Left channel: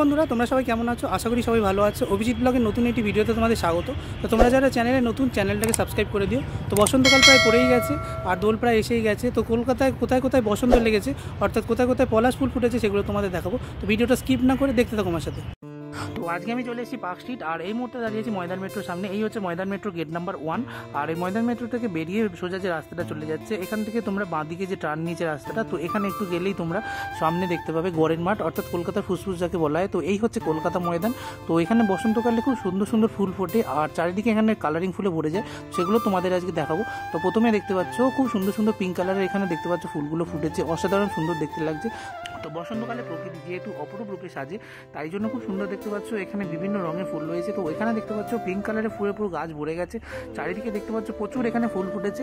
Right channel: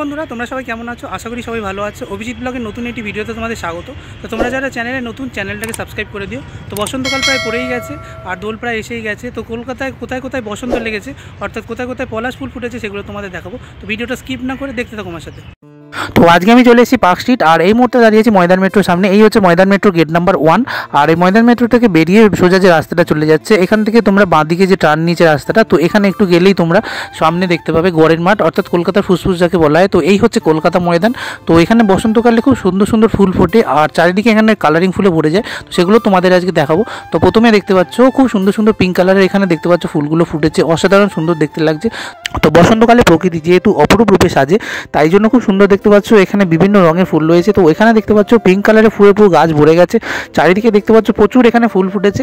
বন্ধুরা, তোমরা সবাই কেমন আছো? আশা করি সবাই ভালো আছো। অভিজিৎ ব্লগের নতুন একটি ভিডিওতে তোমাদের স্বাগত। তো তোমরা যারা চ্যানেলে নতুন, চ্যানেলটাকে সাবস্ক্রাইব করে দিও। তো বসন্তকাল প্রায় পড়েই গেছে আর দোল প্রায় এসেই গেছে। তো কলকাতায় কোথায় কোথায় বসন্ত লেগেছে, অর্থাৎ কোথায় কোথায় পলাশ ফুল ফুটেছে, সেগুলো তোমাদের দেখাবো। তো ভিডিওটা স্কিপ না করে দেখতে থাকো আমার সাথে। তো আজকে আমি চলে এসেছি পার্ক স্ট্রিট, আর এই মুহূর্তে দাঁড়িয়েছি ময়দান মেট্রোর সামনে। এই হচ্ছে ময়দান মেট্রো গেট নাম্বার 1। আর এই ময়দান মেট্রো থেকে বেরিয়ে সোজা যে রাস্তাটা চলে যাচ্ছে, এখান থেকে তোমরা বাঁদিকে যে টার্ন নিচে রাস্তাটা, তো এখানে একটু গেলেই তোমরা সামনে দেখতে পাবে গড়ের মাঠ, অর্থাৎ কলকাতার ফুসফুস যাকে বলা হয়। তো এই হচ্ছে কলকাতা ময়দান। তো এখানে বসন্তকালে খুব সুন্দর সুন্দর ফুল ফোটে আর চারিদিকে এখানে কালারিং ফুলে ভরে যায়। তো সেগুলো তোমাদের আজকে দেখাবো। তো প্রথমে দেখতে পাচ্ছ খুব সুন্দর সুন্দর পিঙ্ক কালারের এখানে দেখতে পাচ্ছ ফুলগুলো ফুটেছে, অসাধারণ সুন্দর দেখতে লাগছে। তো বসন্তকালে প্রকৃতি যেহেতু অপরূপ রূপে সাজে, তাই জন্য খুব সুন্দর দেখতে পাচ্ছ। এখানে বিভিন্ন রঙের ফুল রয়েছে। তো এখানে দেখতে পাচ্ছ পিঙ্ক কালারের ফুলে পুরো গাছ ভরে গেছে। চারিদিকে দেখতে পাচ্ছ প্রচুর এখানে ফুল ফুটেছে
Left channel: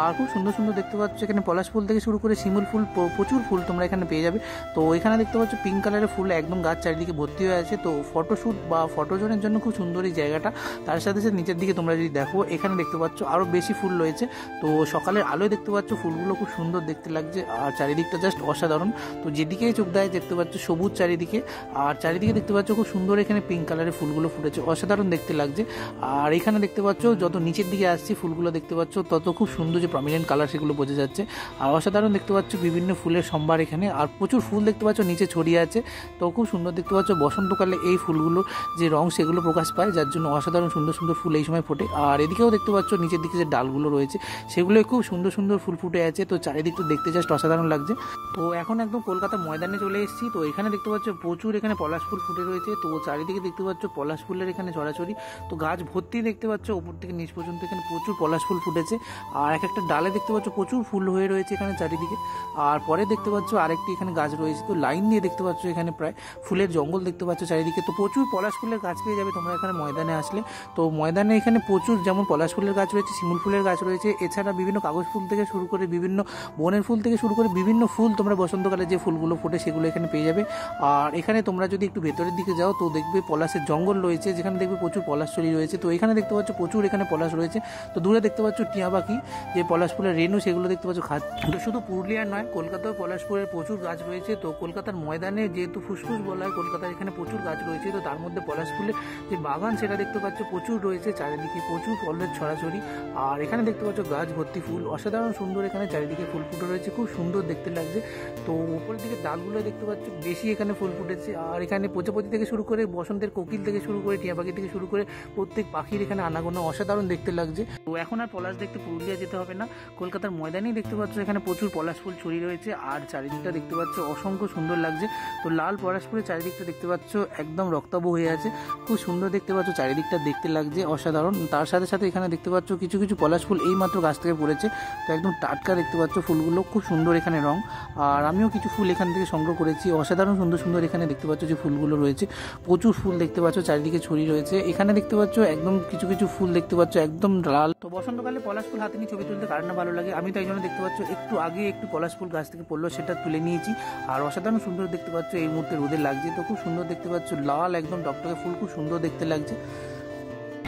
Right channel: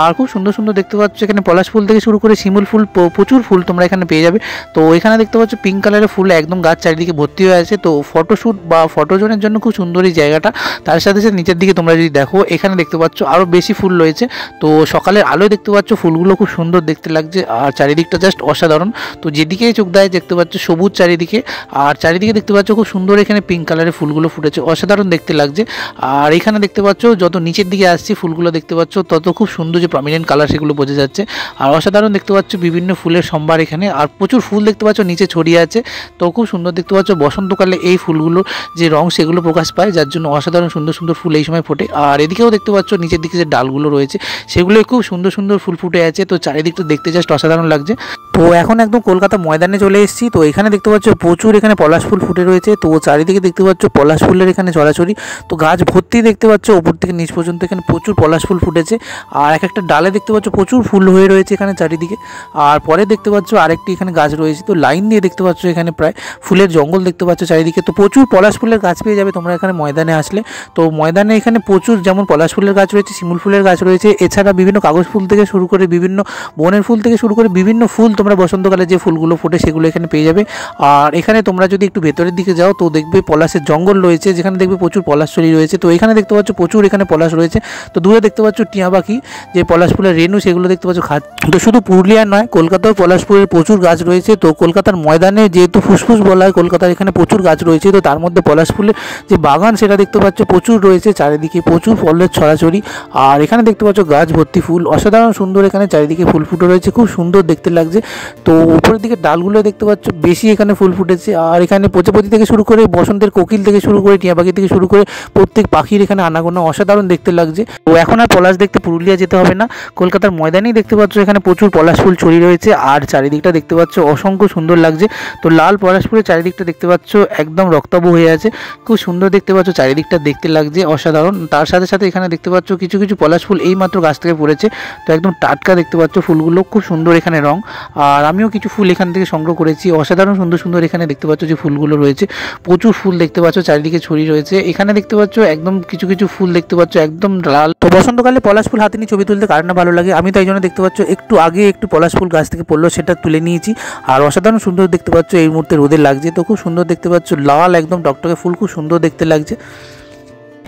আর খুব সুন্দর সুন্দর দেখতে পাচ্ছ। এখানে পলাশ ফুল থেকে শুরু করে শিমুল ফুল, প্রচুর ফুল তোমরা এখানে পেয়ে যাবে। তো এখানে দেখতে পাচ্ছ পিঙ্ক কালারের ফুল একদম গাছ চারিদিকে ভর্তি হয়ে আছে। তো ফটোশ্যুট বা ফটোজনের জন্য খুব সুন্দর এই জায়গাটা। তার সাথে সাথে নিচের দিকে তোমরা যদি দেখো, এখানে দেখতে পাচ্ছ আরও বেশি ফুল রয়েছে। তো সকালের আলোয় দেখতে পাচ্ছ ফুলগুলো খুব সুন্দর দেখতে লাগছে আর চারিদিকটা জাস্ট অসাধারণ। তো যেদিকেই চোখ দেয় দেখতে পাচ্ছ সবুজ চারিদিকে, আর চারিদিকে দেখতে পাচ্ছ খুব সুন্দর এখানে পিঙ্ক কালারের ফুলগুলো ফুটেছে, অসাধারণ দেখতে লাগছে। আর এখানে দেখতে পাচ্ছ যত নিচের দিকে আসছি ফুলগুলো দেখতে পাচ্ছ, তত খুব সুন্দর যে প্রমিনেন্ট কালার সেগুলো বোঝা যাচ্ছে। আর অসাধারণ দেখতে পাচ্ছ বিভিন্ন ফুলের সম্ভার এখানে, আর প্রচুর ফুল দেখতে পাচ্ছ নিচে ছড়িয়ে আছে। তো খুব সুন্দর দেখতে পাচ্ছ। বসন্তকালে এই ফুলগুলোর যে রং সেগুলো প্রকাশ পায়, যার জন্য অসাধারণ সুন্দর সুন্দর ফুল এই সময় ফোটে। আর এদিকেও দেখতে পাচ্ছ নিচের দিকে যে ডালগুলো রয়েছে সেগুলো খুব সুন্দর সুন্দর ফুল ফুটে আছে। তো চারিদিকটা দেখতে জাস্ট অসাধারণ লাগছে। তো এখন একদম কলকাতা ময়দানে চলে এসেছি। তো এখানে দেখতে পাচ্ছ প্রচুর এখানে পলাশ ফুল ফুটে রয়েছে। তো চারিদিকে দেখতে পাচ্ছ পলাশ ফুলের এখানে ছড়াছড়ি। তো গাছ ভর্তি দেখতে পাচ্ছ ওপর থেকে নিচ পর্যন্ত এখানে প্রচুর পলাশ ফুল ফুটেছে। আর এক একটা ডালে দেখতে পাচ্ছ প্রচুর ফুল হয়ে রয়েছে এখানে চারিদিকে। আর পরে দেখতে পাচ্ছ আরেকটি এখানে গাছ রয়েছে। তো লাইন দিয়ে দেখতে পাচ্ছ এখানে প্রায় ফুলের জঙ্গল দেখতে পাচ্ছ চারিদিকে। তো প্রচুর পলাশ ফুলের গাছ পেয়ে যাবে তোমরা এখানে ময়দানে আসলে। তো ময়দানে এখানে প্রচুর যেমন পলাশ ফুলের গাছ রয়েছে, শিমুল ফুলের গাছ রয়েছে, এছাড়া বিভিন্ন কাগজ ফুল থেকে শুরু করে বিভিন্ন বনের ফুল থেকে শুরু করে বিভিন্ন ফুল তোমরা বসন্তকালে যে ফুলগুলো ফোটে সেগুলো এখানে পেয়ে যাবে। আর এখানে তোমরা যদি একটু ভেতরের দিকে যাও তো দেখবে পলাশের জঙ্গল রয়েছে, যেখানে দেখবে প্রচুর পলাশচুরি রয়েছে। তো এখানে দেখতে পাচ্ছ প্রচুর এখানে পলাশ রয়েছে। তো দূরে দেখতে পাচ্ছ টিয়া পাখি যে পলাশ ফুলের রেণু সেগুলো দেখতে পাচ্ছ খাচ্ছে। তো শুধু পুরুলিয়ার নয়, কলকাতাও পলাশ ফুলের প্রচুর গাছ রয়েছে। তো কলকাতার ময়দানে যেহেতু ফুসফুস বলা হয় কলকাতার, এখানে প্রচুর গাছ রয়েছে। তো তার মধ্যে পলাশ ফুলের যে বাগান সেটা দেখতে পাচ্ছ প্রচুর রয়েছে, চারিদিকে প্রচুর ফলের ছড়াছড়ি। আর এখানে দেখতে পাচ্ছ গাছ ভর্তি ফুল, অসাধারণ সুন্দর এখানে চারিদিকে ফুল ফুটে রয়েছে, খুব সুন্দর দেখতে লাগছে। তো উপরের দিকে ডালগুলো দেখতে পাচ্ছ বেশি এখানে ফুল ফুটেছে। আর এখানে প্রজাপতি থেকে শুরু করে বসন্তের কোকিল থেকে শুরু করে টিয়া পাখি থেকে শুরু করে প্রত্যেক পাখির এখানে আনাগোনা, অসাধারণ দেখতে লাগছে। তো এখন আর পলাশ দেখতে পুরুলিয়া যেতে হবে না, কলকাতার ময়দানেই দেখতে পাচ্ছ এখানে প্রচুর পলাশ ফুল ছড়িয়ে রয়েছে। আর চারিদিকটা দেখতে পাচ্ছ অসংখ্য সুন্দর লাগছে। তো লাল পলাশ ফুলের চারিদিকটা দেখতে পাচ্ছ একদম রক্তাভ হয়ে আছে, খুব সুন্দর দেখতে পাচ্ছ চারিদিকটা দেখতে লাগছে অসাধারণ। তার সাথে সাথে এখানে দেখতে পাচ্ছ কিছু কিছু পলাশ ফুল এই মাত্র গাছ থেকে পড়েছে। তো একদম টাটকা দেখতে পাচ্ছ ফুলগুলো, খুব সুন্দর এখানে রং। আর আমিও কিছু ফুল এখান থেকে সংগ্রহ করেছি, অসাধারণ সুন্দর সুন্দর এখানে দেখতে পাচ্ছ যে ফুলগুলো রয়েছে। প্রচুর ফুল দেখতে পাচ্ছ চারিদিকে ছড়িয়ে রয়েছে। এখানে দেখতে পাচ্ছ একদম কিছু কিছু ফুল দেখতে পাচ্ছ একদম লাল। তো বসন্তকালে পলাশ ফুল হাতে নিয়ে ছবি তুলতে কার না ভালো লাগে। আমি তাই জন্য দেখতে পাচ্ছ একটু আগে একটু পলাশ ফুল গাছ থেকে পড়লো, সেটা তুলে নিয়েছি। আর অসাধারণ সুন্দর দেখতে পাচ্ছ এই মুহূর্তে রোদে লাগছে। তো খুব সুন্দর দেখতে পাচ্ছ লাল একদম টকটকে ফুল, খুব সুন্দর দেখতে লাগছে।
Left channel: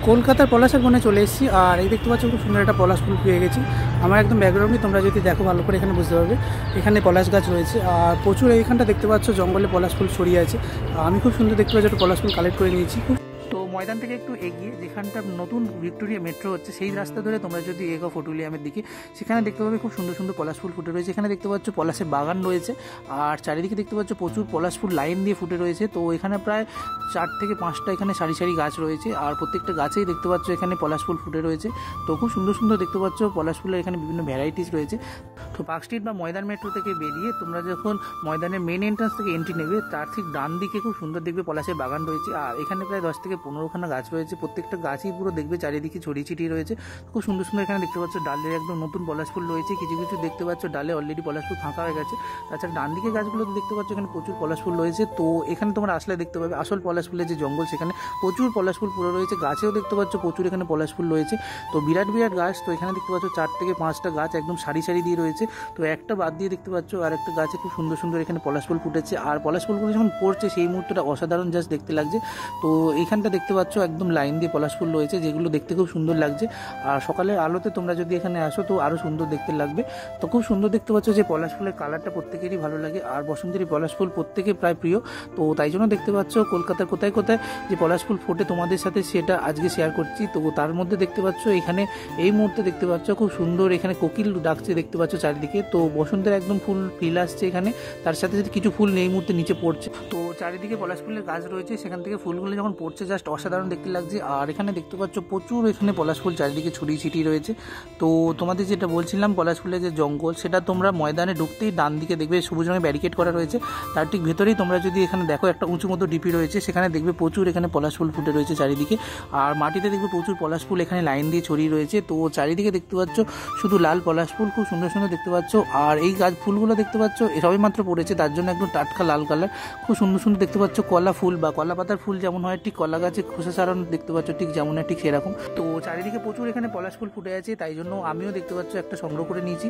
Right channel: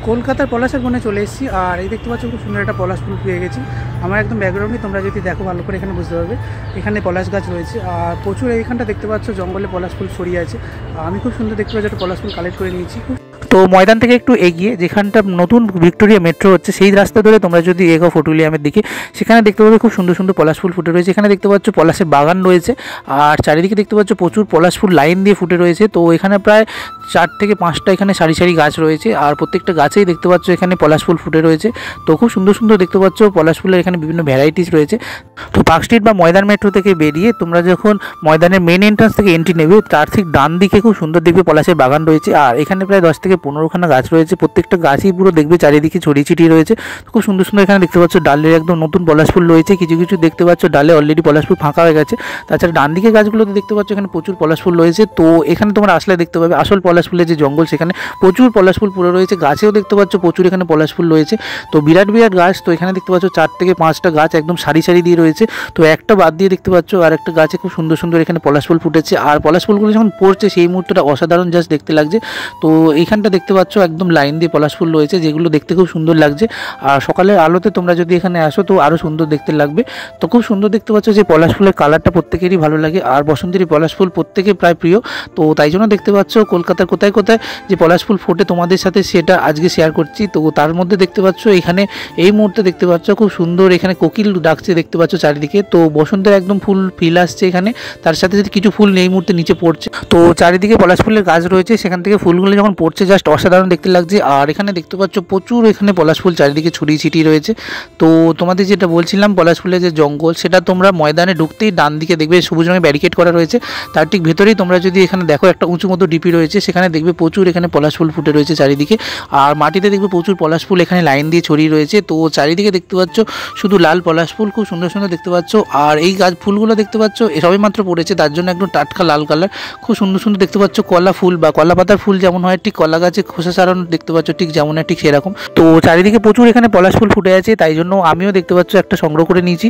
কলকাতার পলাশের বনে চলে এসেছি। আর এই দেখতে পাচ্ছ খুব সুন্দর একটা পলাশ ফুল পেয়ে গেছি। আমার একদম ব্যাকগ্রাউন্ডে তোমরা যদি দেখো ভালো করে এখানে বুঝতে পারবে এখানে পলাশ গাছ রয়েছে। আর প্রচুর এইখানটা দেখতে পাচ্ছ জঙ্গলে পলাশ ফুল ছড়িয়ে আছে। আমি খুব সুন্দর দেখতে পাচ্ছি একটা পলাশ ফুল কালেক্ট করে নিয়েছি। তো ময়দান থেকে একটু এগিয়ে যেখানটা নতুন ভিক্টোরিয়া মেট্রো হচ্ছে সেই রাস্তা ধরে তোমরা যদি এগো ফটুলিয়ামের দিকে, সেখানে দেখতে পাবে খুব সুন্দর সুন্দর পলাশ ফুল ফুটে রয়েছে। এখানে দেখতে পাচ্ছ পলাশের বাগান রয়েছে। আর চারিদিকে দেখতে পাচ্ছ প্রচুর পলাশ ফুল লাইন দিয়ে ফুটে রয়েছে। তো এখানে প্রায় 4 থেকে 5টা এখানে সারি সারি গাছ রয়েছে। আর প্রত্যেকটা গাছেই দেখতে পাচ্ছ এখানে পলাশ ফুল ফুটে রয়েছে। তো খুব সুন্দর সুন্দর দেখতে পাচ্ছ পলাশ ফুলের এখানে বিভিন্ন ভ্যারাইটিস রয়েছে। তো পার্ক স্ট্রিট বা ময়দান মেট্রো থেকে বেরিয়ে তোমরা যখন ময়দানের মেন এন্ট্রান্স থেকে এন্ট্রি নেবে, তার ঠিক ডান দিকে খুব সুন্দর দেখবে পলাশের বাগান রয়েছে। আর এখানে প্রায় 10 থেকে 15খানা গাছ রয়েছে। প্রত্যেকটা গাছই পুরো দেখবে চারিদিকে ছড়িয়ে ছিটিয়ে রয়েছে। খুব সুন্দর সুন্দর এখানে দেখতে পাচ্ছ ডালের একদম নতুন পলাশ ফুল রয়েছে। কিছু কিছু দেখতে পাচ্ছ ডালে অলরেডি পলাশ ফুল ফাঁকা হয়ে গেছে। তাছাড়া ডান দিকে গাছগুলোতে দেখতে পাচ্ছ এখানে প্রচুর পলাশ ফুল রয়েছে। তো এখানে তোমরা আসলে দেখতে পাবে আসল পলাশ ফুলের যে জঙ্গল, সেখানে প্রচুর পলাশ ফুল পুরো রয়েছে। গাছেও দেখতে পাচ্ছ প্রচুর এখানে পলাশ ফুল রয়েছে। তো বিরাট বিরাট গাছ। তো এখানে দেখতে পাচ্ছ 4 থেকে 5টা গাছ একদম সারি সারি দিয়ে রয়েছে। তো একটা বাদ দিয়ে দেখতে পাচ্ছ আর একটা গাছে খুব সুন্দর সুন্দর এখানে পলাশ ফুল ফুটেছে। আর পলাশ ফুলগুলো যখন পড়ছে সেই মুহূর্তটা অসাধারণ জাস্ট দেখতে লাগছে। তো এইখানটা যেমনটা দেখতে পাচ্ছ একদম লাইন দিয়ে পলাশ ফুল রয়েছে, যেগুলো দেখতে খুব সুন্দর লাগছে। আর সকালের আলোতে তোমরা যদি এখানে আসো তো আরও সুন্দর দেখতে লাগবে। তো খুব সুন্দর দেখতে পাচ্ছ যে পলাশ ফুলের কালারটা প্রত্যেকেরই ভালো লাগে, আর বসন্তেরই পলাশ ফুল প্রত্যেকের প্রায় প্রিয়। তো তাই জন্য দেখতে পাচ্ছ কলকাতার কোথায় কোথায় যে পলাশ ফুল ফোটে তোমাদের সাথে সেটা আজকে শেয়ার করছি। তো তার মধ্যে দেখতে পাচ্ছ এখানে এই মুহূর্তে দেখতে পাচ্ছ খুব সুন্দর এখানে কোকিল ডাকছে দেখতে পাচ্ছ চারিদিকে। তো বসন্তের একদম ফুল ফিল আসছে এখানে, তার সাথে সাথে কিছু ফুল এই মুহূর্তে নিচে পড়ছে। তো চারিদিকে পলাশ ফুলের গাছ রয়েছে, সেখান থেকে ফুলগুলো যখন পড়ছে জাস্ট অসাধারণ দেখতে লাগছে। আর এখানে দেখতে পাচ্ছ প্রচুর এখানে পলাশ ফুল চারিদিকে ছড়িয়ে ছিটিয়ে রয়েছে। তো তোমাদের যেটা বলছিলাম পলাশ ফুলের যে জঙ্গল, সেটা তোমরা ময়দানে ঢুকতেই ডান দিকে দেখবে সবুজ রঙের ব্যারিকেড করা রয়েছে, তার ঠিক ভেতরেই তোমরা যদি এখানে দেখো একটা উঁচু মতো ডিপি রয়েছে, সেখানে দেখবে প্রচুর এখানে পলাশ ফুল ফুটে রয়েছে চারিদিকে। আর মাটিতে দেখবে প্রচুর পলাশ ফুল এখানে লাইন দিয়ে ছড়িয়ে রয়েছে। তো চারিদিকে দেখতে পাচ্ছ শুধু লাল পলাশ ফুল, খুব সুন্দর সুন্দর দেখতে পাচ্ছ। আর এই গাছ ফুলগুলো দেখতে পাচ্ছ সবে মাত্র পড়েছে, তার জন্য একদম টাটকা লাল কালার, খুব সুন্দর সুন্দর দেখতে পাচ্ছ। কলা ফুল বা কলা পাতার ফুল যেমন হয় ঠিক কলা গাছে খোসা ছাড়ানো দেখতে পাচ্ছ ঠিক যেমন হয় ঠিক সেরকম। তো চারিদিকে প্রচুর এখানে পলাশ ফুল ফুটে আছে, তাই জন্য আমিও দেখতে পাচ্ছ একটা সংগ্রহ করে নিয়েছি।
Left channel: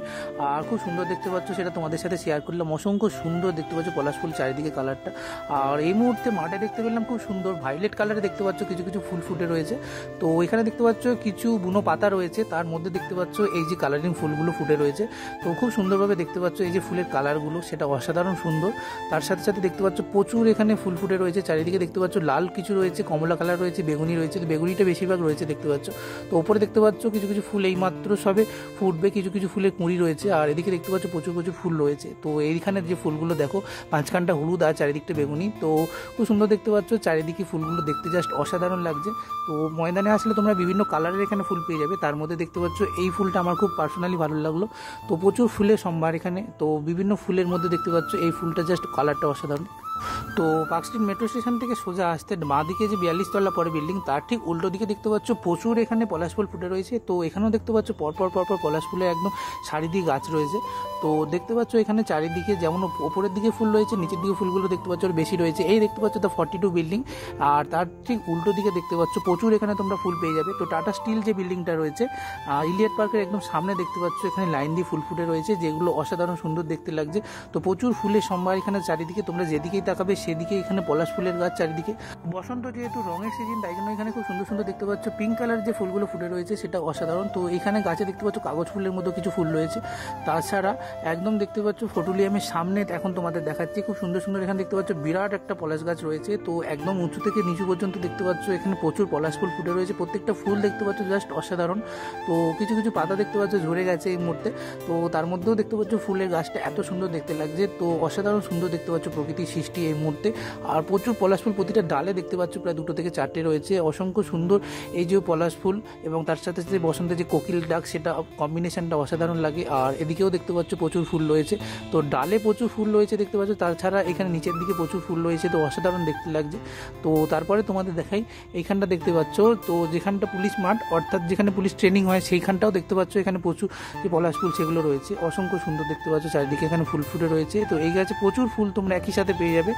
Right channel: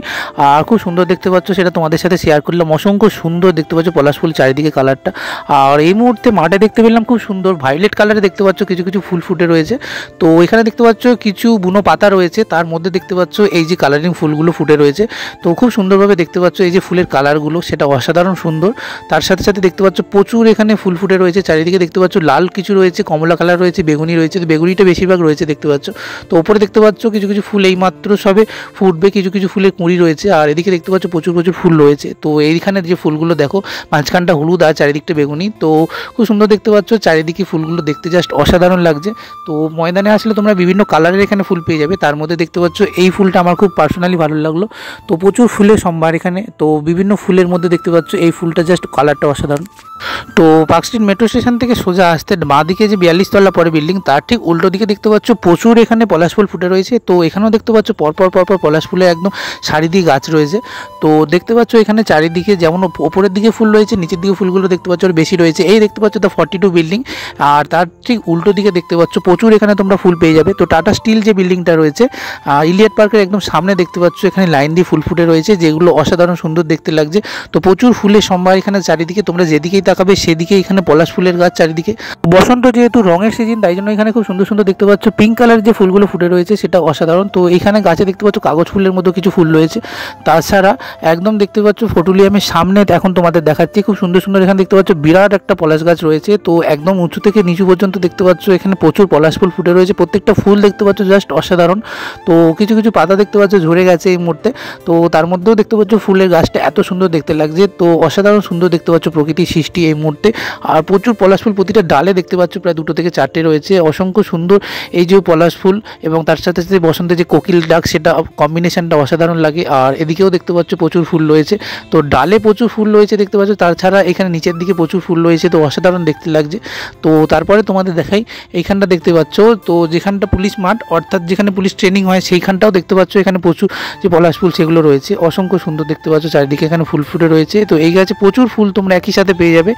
আর খুব সুন্দর দেখতে পাচ্ছ, সেটা তোমাদের সাথে শেয়ার করলাম। অসংখ্য সুন্দর দেখতে পাচ্ছ পলাশ ফুল চারিদিকে কালারটা। আর এই মুহূর্তে মাঠে দেখতে পেলাম খুব সুন্দর ভায়োলেট কালারে দেখতে পাচ্ছ কিছু কিছু ফুল ফুটে রয়েছে। তো এখানে দেখতে পাচ্ছ কিছু বুনো পাতা রয়েছে, তার মধ্যে দেখতে পাচ্ছ এই যে কালারিং ফুলগুলো ফুটে রয়েছে। তো খুব সুন্দরভাবে দেখতে পাচ্ছ এই যে ফুলের কালারগুলো, সেটা অসাধারণ সুন্দর। তার সাথে সাথে দেখতে পাচ্ছ প্রচুর এখানে ফুল ফুটে রয়েছে চারিদিকে, দেখতে পাচ্ছ লাল কিছু রয়েছে, কমলা কালার রয়েছে, বেগুনি রয়েছে। তো বেগুনিটা বেশিরভাগ রয়েছে দেখতে পাচ্ছ। তো ওপরে দেখতে পাচ্ছ কিছু কিছু ফুল এইমাত্র সবে ফুটবে, কিছু কিছু ফুলের কুঁড়ি রয়েছে। আর এদিকে দেখতে পাচ্ছ প্রচুর প্রচুর ফুল রয়েছে। তো এইখানে যে ফুলগুলো দেখো মাঝখানটা হলুদ আর চারিদিকটা বেগুনি, তো খুব সুন্দর দেখতে পাচ্ছ। চারিদিকে ফুলগুলো দেখতে জাস্ট অসাধারণ লাগছে। তো ময়দানে আসলে তোমরা বিভিন্ন কালারের এখানে ফুল পেয়ে যাবে, তার মধ্যে দেখতে পাচ্ছ এই ফুলটা আমার খুব পার্সোনালি ভালো লাগলো। তো প্রচুর ফুলের সম্ভার এখানে, তো বিভিন্ন ফুলের মধ্যে দেখতে পাচ্ছ এই ফুলটা জাস্ট কালারটা অসাধারণ। তো পার্ক স্ট্রিট মেট্রো স্টেশন থেকে সোজা আসতে বাঁ দিকে যে 42 তলা পরে বিল্ডিং, তার ঠিক উল্টো দিকে দেখতে পাচ্ছ প্রচুর এখানে পলাশ ফুল ফুটে রয়েছে। তো এখানেও দেখতে পাচ্ছ পরপর পরপর পলাশ ফুলের একদম সারি দিয়ে গাছ রয়েছে। তো দেখতে পাচ্ছ এখানে চারিদিকে যেমন ওপরের দিকে ফুল রয়েছে, নিচের দিকে ফুলগুলো দেখতে পাচ্ছ বেশি রয়েছে। এই দেখতে পাচ্ছ দ্য 42 বিল্ডিং, আর তার ঠিক উল্টো দিকে দেখতে পাচ্ছ প্রচুর এখানে তোমরা ফুল পেয়ে যাবে। তো টাটা স্টিল যে বিল্ডিংটা রয়েছে ইলিয়ট পার্কের একদম সামনে দেখতে পাচ্ছ এখানে লাইন দিয়ে ফুল ফুটে রয়েছে, যেগুলো অসাধারণ সুন্দর দেখতে লাগছে। তো প্রচুর ফুলের সম্ভার এখানে চারিদিকে, তোমরা যেদিকেই তাকাবে সেদিকে এখানে পলাশ ফুলের গাছ চারিদিকে। বসন্ত যেহেতু রঙের সিজন, তাই জন্য এখানে খুব সুন্দর সুন্দর দেখতে পাচ্ছ পিঙ্ক কালার যে ফুলগুলো ফুটে রয়েছে, সেটা অসাধারণ। তো এখানে গাছে দেখতে পাচ্ছ কাগজ ফুলের মতো কিছু ফুল রয়েছে। তাছাড়া একদম দেখতে পাচ্ছ ফটুলিয়ামের সামনে এখন তোমাদের দেখাচ্ছি খুব সুন্দর সুন্দর এখানে দেখতে পাচ্ছ বিরাট একটা পলাশ গাছ রয়েছে। তো একদম উঁচু থেকে নিচু পর্যন্ত দেখতে পাচ্ছ এখানে প্রচুর পলাশ ফুল ফুটে রয়েছে, প্রত্যেকটা ফুল দেখতে পাচ্ছ জাস্ট অসাধারণ। তো কিছু কিছু পাতা দেখতে পাচ্ছ ঝরে গেছে এই মুহূর্তে, তো তার মধ্যেও দেখতে পাচ্ছ ফুলের গাছটা এত সুন্দর দেখতে লাগছে। তো অসাধারণ সুন্দর দেখতে পাচ্ছ প্রকৃতির সৃষ্টি এই মুহূর্তে। আর প্রচুর পলাশ ফুল প্রতিটা ডালে দেখতে পাচ্ছ প্রায় 2 থেকে 4টে রয়েছে, অসংখ্য সুন্দর এই যে পলাশ ফুল এবং তার সাথে সাথে বসন্তের যে কোকিল ডাক, সেটা কম্বিনেশনটা অসাধারণ লাগে। আর এদিকেও দেখতে পাচ্ছ প্রচুর ফুল রয়েছে, তো ডালে প্রচুর ফুল রয়েছে দেখতে পাচ্ছ, তাছাড়া এখানে নিচের দিকে প্রচুর ফুল রয়েছে, তো অসাধারণ দেখতে লাগছে। তো তারপরে তোমাদের দেখাই এইখানটা দেখতে পাচ্ছ, তো যেখানটা পুলিশ মাঠ অর্থাৎ যেখানে পুলিশ ট্রেনিং হয় সেইখানটাও দেখতে পাচ্ছ এখানে প্রচুর যে পলাশ ফুল সেগুলো রয়েছে, অসংখ্য সুন্দর দেখতে পাচ্ছ চারিদিকে এখানে ফুল ফুটে রয়েছে। তো এই গাছে প্রচুর ফুল তোমরা একই সাথে পেয়ে যাবে।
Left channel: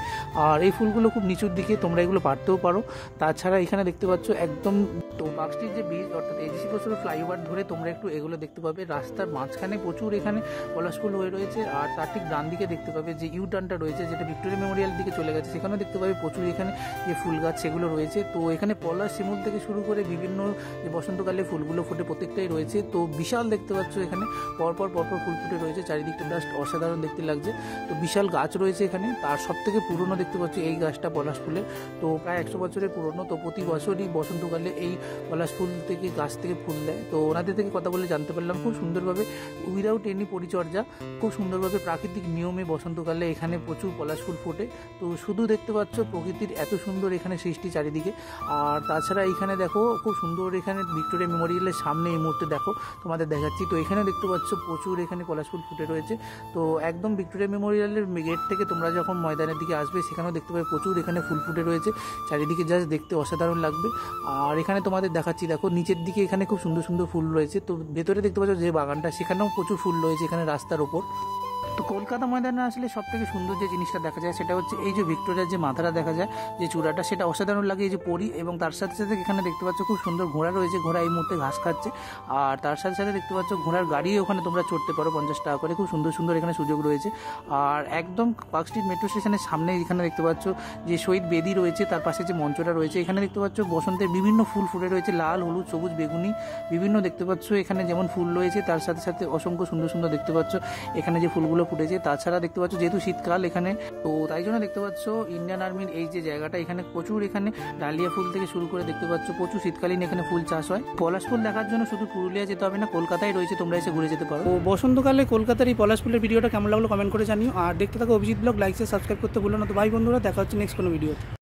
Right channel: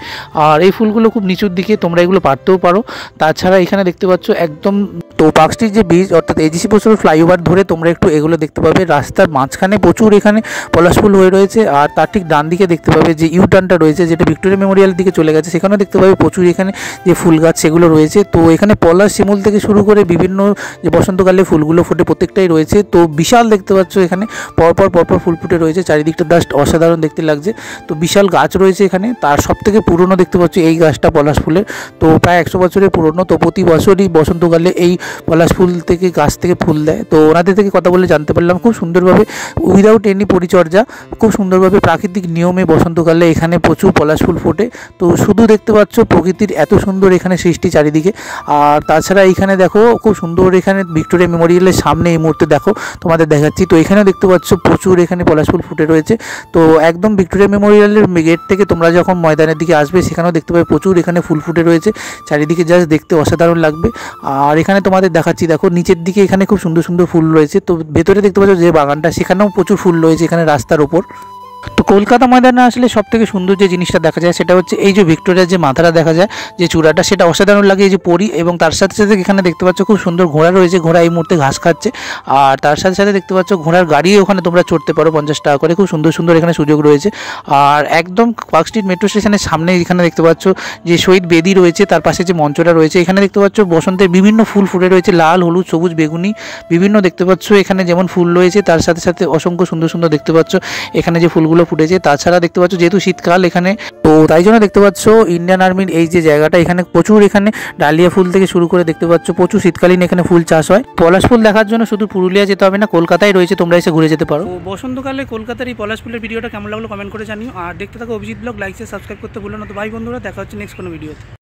আর এই ফুলগুলো খুব নিচুর দিকে, তোমরা এগুলো পারতেও পারো। তাছাড়া এখানে দেখতে পাচ্ছ একদম তো পার্ক স্ট্রিট যে ব্রিজ অর্থাৎ এজিসি বসুর ফ্লাইওভার ধরে তোমরা একটু এগুলো দেখতে পাবে। রাস্তার মাঝখানে প্রচুর এখানে পলাশ ফুল হয়ে রয়েছে। আর তার ঠিক ডান দিকে দেখতে পাবে যে ইউ টার্নটা রয়েছে, যেটা ভিক্টোরিয়া মেমোরিয়াল দিকে চলে গেছে, সেখানেও দেখতে পাবে প্রচুর এখানে যে ফুল গাছ সেগুলো রয়েছে। তো এখানে পলাশ শিমুল থেকে শুরু করে বিভিন্ন যে বসন্তকালে ফুলগুলো ফোটে প্রত্যেকটাই রয়েছে। তো বিশাল দেখতে পাচ্ছ এখানে পরপর পরপর ফুল ফুটে রয়েছে, চারিদিকটা জাস্ট অসাধারণ দেখতে লাগছে। তো বিশাল গাছ রয়েছে এখানে, তার সব থেকে পুরনো দেখতে পাচ্ছ এই গাছটা পলাশ ফুলের, তো প্রায় 100 বছরের পুরনো। তো প্রতি বছরই বসন্তকালে এই পলাশ ফুল থেকে গাছ থেকে ফুল দেয়। তো ওনাদের থেকে কথা বলে জানতে পারলাম খুব সুন্দরভাবে উইদাউট এনি পরিচর্যা, খুব সুন্দরভাবে প্রাকৃতিক নিয়মে বসন্তকালে এখানে প্রচুর পলাশ ফুল ফোটে। তো শুধু দেখতে পাচ্ছ প্রকৃতির এত সুন্দর এখানে সৃষ্টি চারিদিকে। আর তাছাড়া এখানে দেখো খুব সুন্দর এখানে ভিক্টোরিয়া মেমোরিয়ালের সামনে এই মুহূর্তে দেখো তোমাদের দেখাচ্ছি। তো এখানেও দেখতে পাচ্ছ প্রচুর এখানে পলাশ ফুল ফুটে রয়েছে। তো একদম ভিক্টোরিয়া মেমোরিয়ালের গেট থেকে তোমরা যখন ময়দানের দিকে আসবে সেখানেও দেখতে পাবে প্রচুর এখানে ফুল ফুটে রয়েছে চারিদিকে, জাস্ট দেখতে অসাধারণ লাগবে। আর এখানে তোমাদের দেখাচ্ছি দেখো নিচের দিকে এখানে খুব সুন্দর সুন্দর ফুল রয়েছে। তো ভেতরে দেখতে পাচ্ছ যে বাগানটা, সেখানেও প্রচুর ফুল রয়েছে এখানে রাস্তার ওপর। তো কলকাতা ময়দানে আসলে সব থেকে সুন্দর যে জিনিসটা দেখা যায় সেটা হচ্ছে এই যে ভিক্টোরিয়ার যে মাথাটা দেখা যায়, যে চূড়াটা, সেটা অসাধারণ লাগে। এই যে পরি, এবং তার সাথে সাথে এখানে দেখতে পাচ্ছ খুব সুন্দর ঘোড়া রয়েছে, ঘোড়া এই মুহূর্তে ঘাস খাচ্ছে। আর তার সাথে সাথে দেখতে পাচ্ছ ঘোড়ার গাড়ি ওখানে তোমরা চড়তে পারো 50 টাকা করে, খুব সুন্দর সুন্দর এখানে সুযোগ রয়েছে। আর একদম পার্ক স্ট্রিট মেট্রো স্টেশনের সামনে এখানে দেখতে পাচ্ছ যে শহীদ বেদি রয়েছে, তার পাশে যে মঞ্চটা রয়েছে, এখানে দেখতে পাচ্ছ বসন্তের বিভিন্ন ফুল ফুটে রয়েছে, লাল, হলুদ, সবুজ, বেগুনি, বিভিন্ন দেখতে পাচ্ছ এখানে যেমন ফুল রয়েছে, তার সাথে সাথে অসংখ্য সুন্দর সুন্দর দেখতে পাচ্ছ এখানে যে ফুলগুলো ফুটেছে। তাছাড়া দেখতে পাচ্ছ যেহেতু শীতকাল এখানে, তো তাই জন্য দেখতে পাচ্ছ ইন্ডিয়ান আর্মির এই যে জায়গাটা, এখানে প্রচুর এখানে ডালিয়া ফুল থেকে শুরু করে দেখতে পাচ্ছ প্রচুর শীতকালীন এখানে ফুল চাষ হয়। পলাশ ফুল দেখার জন্য শুধু পুরুলিয়া যেতে হবে না, কলকাতায় রয়েছে, তোমরা এসে ঘুরে যেতে পারো। তো বসন্তকালে কলকাতার এই পলাশ ফুলের ভিডিওটা কেমন লাগলো কমেন্ট করে জানিও। আর দেখতে থাকো Abhijit blog, like share subscribe করতে ভুলো না। তো ভাই বন্ধুরা, দেখা হচ্ছে নেক্সট কোনো ভিডিওতে।